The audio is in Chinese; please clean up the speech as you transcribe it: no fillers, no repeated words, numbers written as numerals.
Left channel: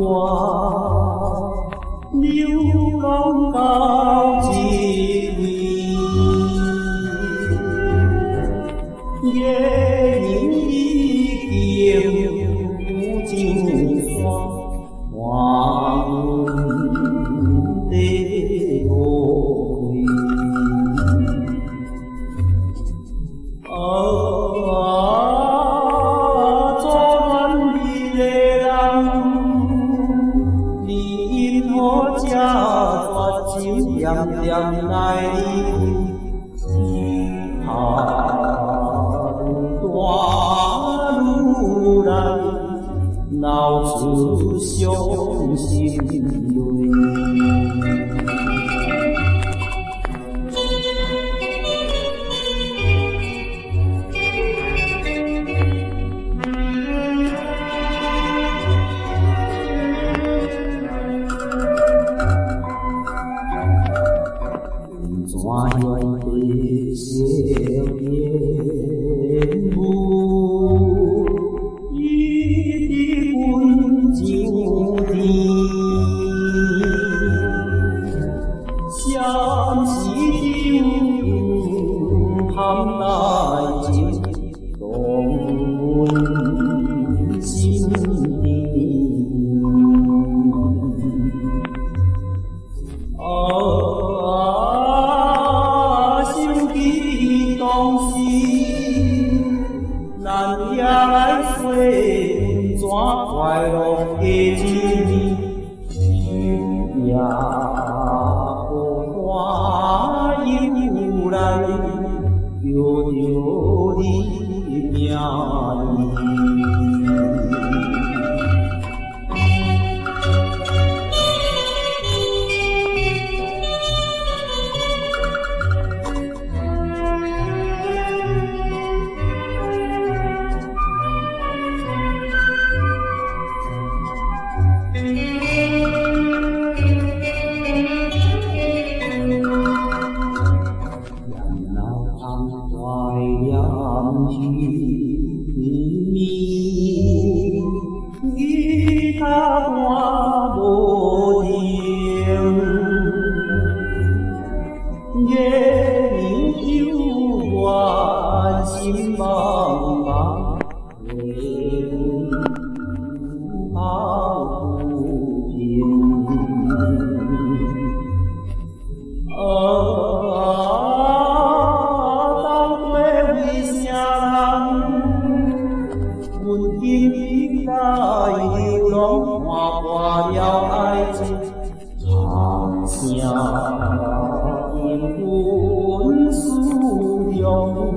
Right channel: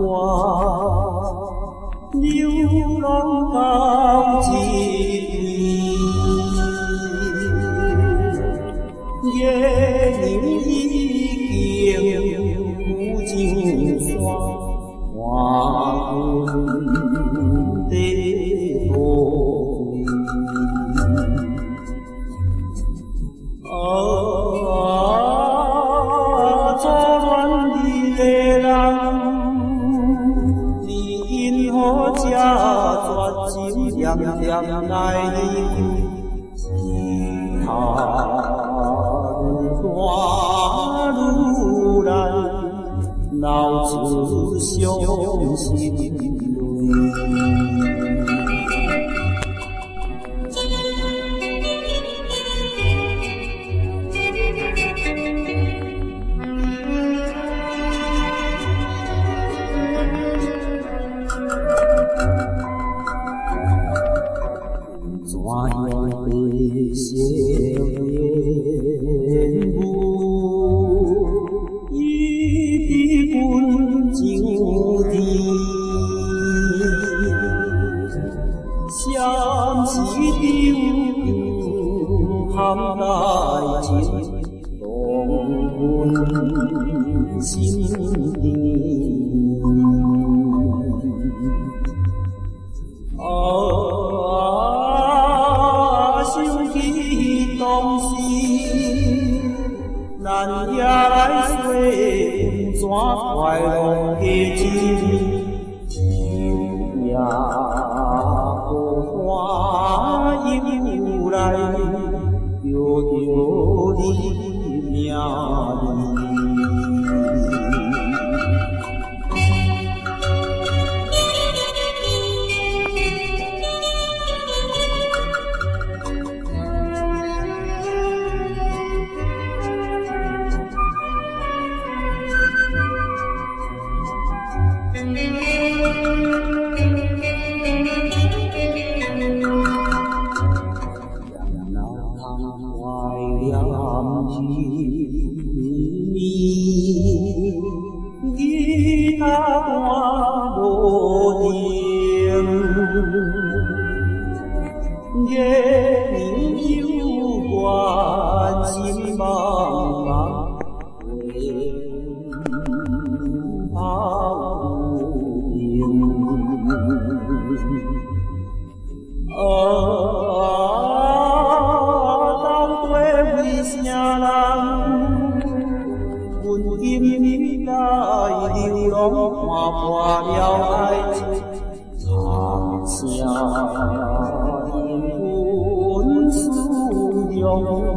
我流浪到一位，月亮已经浮上山，换阮地土开。作恋你的人，你因何这绝情点点来离开？日头愈大愈来，流出伤心泪。怎样的少年舞，伊的阮上天，闪时中含大情，动阮心田。当时，咱也来说阮怎快乐的一年，秋夜孤单又来，叫着你名字。怀念彼年，吉他弹无停，月亮幽怨心茫茫，为阮抱不平。为啥人，阮今日来流浪，看破了爱情，长声因阮思量。